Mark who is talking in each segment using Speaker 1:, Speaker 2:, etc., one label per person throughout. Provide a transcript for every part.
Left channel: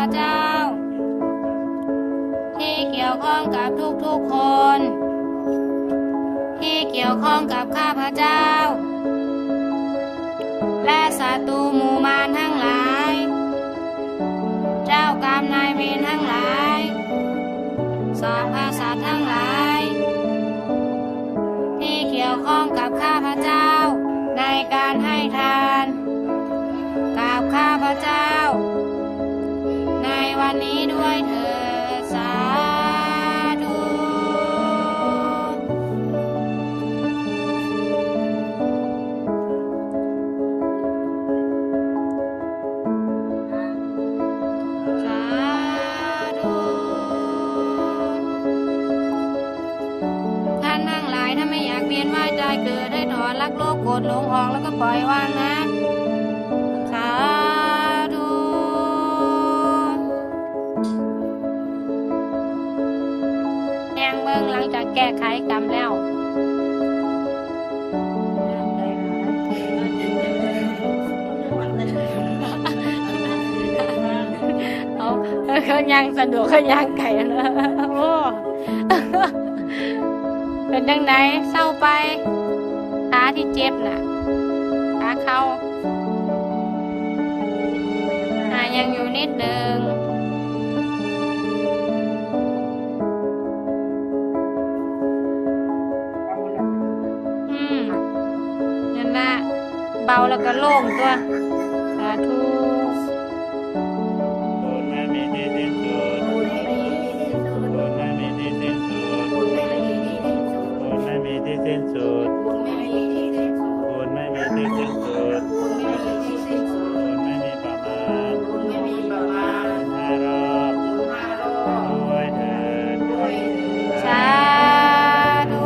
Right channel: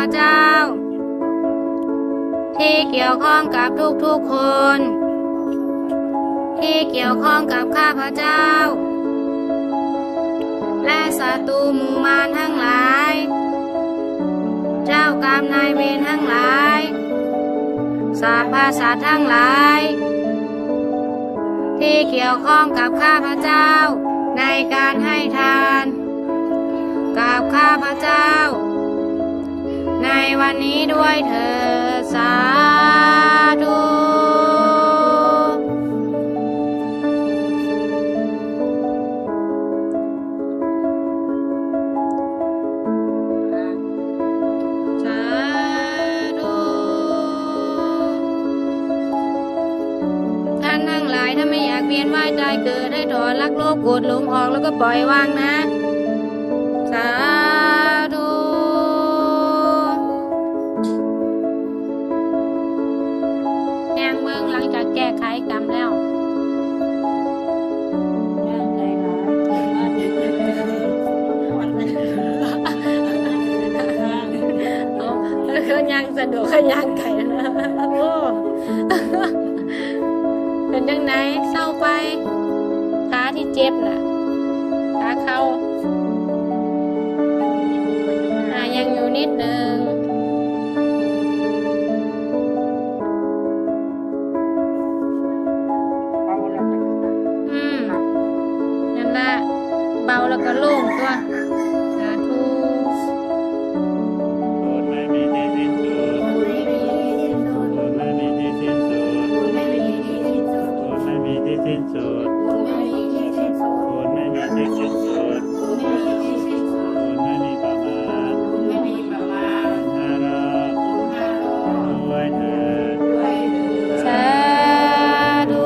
Speaker 1: เจ้าที่เกี่ยวข้องกับทุกๆคนที่เกี่ยวข้องกับข้าพเจ้าและศัตรูหมู่มารทั้งหลายเจ้ากรรมนายเวรทั้งหลายสรรพสัตว์ทั้งหลายที่เกี่ยวข้องกับข้าพเจ้าในการให้ทานกับข้าพเจ้าในวันนี้ด้วยเถิดสาธุสาธุท่านทั้งหลายถ้าไม่อยากเวียนว่ายตายเกิดให้ถอนรักโลภโกรธหลงออกแล้วก็ปล่อยวางนะสาธุแห่งเมืองหลังจากแก้ไขกรรมแล้วเขายังสะดวกเขายังไก่นะโอ้เป็นยังไงเศร้าไปขาที่เจ็บน่ะขาเข่ายังอยู่นิดหนึ่งนั่นละเบาแล้วก็โล่งตัวสาธุ
Speaker 2: บุญไม่มีที่สิ้นสุดบุญไม่มีที่สิ้นสุดบุญไม่มีที่สิ้นสุดบุญไม่มีที่สิ้นสุดบุญไม่มีที่สิ้นสุดบุญไม่มีประมาณบุญห้ารอบด้วยเถิด
Speaker 1: สาธุ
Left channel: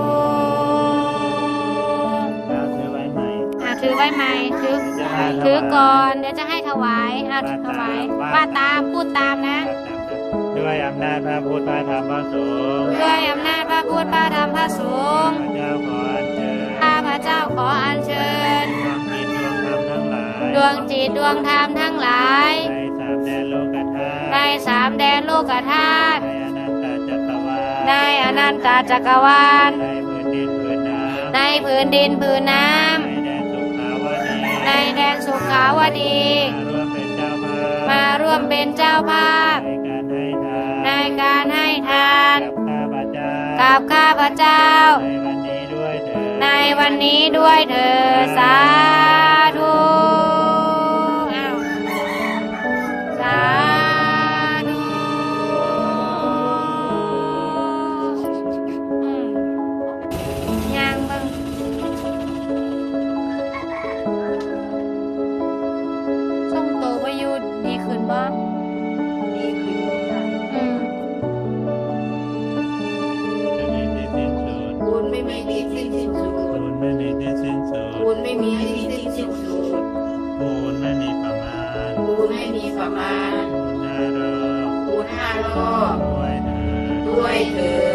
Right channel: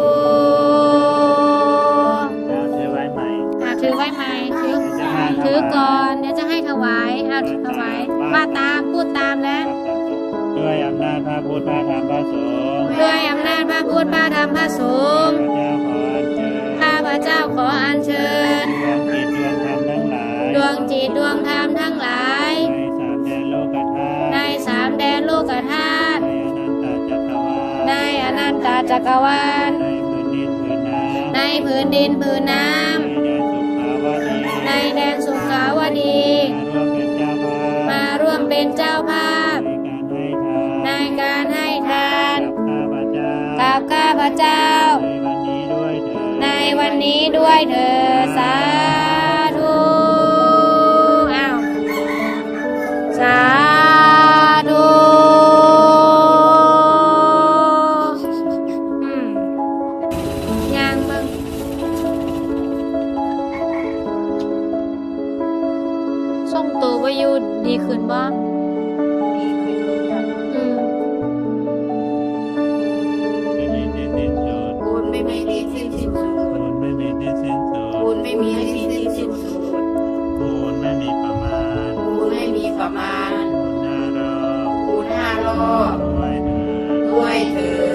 Speaker 2: แล้วถือไว้ใหม่
Speaker 1: ถือไว้ไหมถือก่อนเดี๋ยวจะให้ถวายถวายว่าตามพูดตามนะ
Speaker 2: ด้วยอำนาจพระพุทธพระธรรมพระสงฆ์
Speaker 1: ด้วยอำนาจพระพุทธพระธรรมพระสงฆ์ข้าพเจ้าขออัญเชิญดวงจิตดวงธรรมทั้งหลายในสามแดนโลกธาตุในอนันตจักรวาลในพื้นดินพื้นน้ำในแดนสุขาวดีมาร่วมเป็นเจ้าภาพในการให้ทานกับข้าพเจ้าในวันนี้ด้วยเถิดสาธุสาธุยังบ้างส่งตัวไปอยู่ดีขึ้นบ้าง
Speaker 3: บุญไม่มีที่สิ้นสุด
Speaker 2: บุญไม่มีที่สิ้นสุด
Speaker 3: บุญไม่มีที่สิ้นสุด
Speaker 2: บุญไม่มีประมาณ
Speaker 3: บุญไม่มีประมาณ
Speaker 2: บุญห้ารอบ
Speaker 3: บุญห้ารอบ
Speaker 2: ด้วยเถิด
Speaker 3: ด้วยเถิ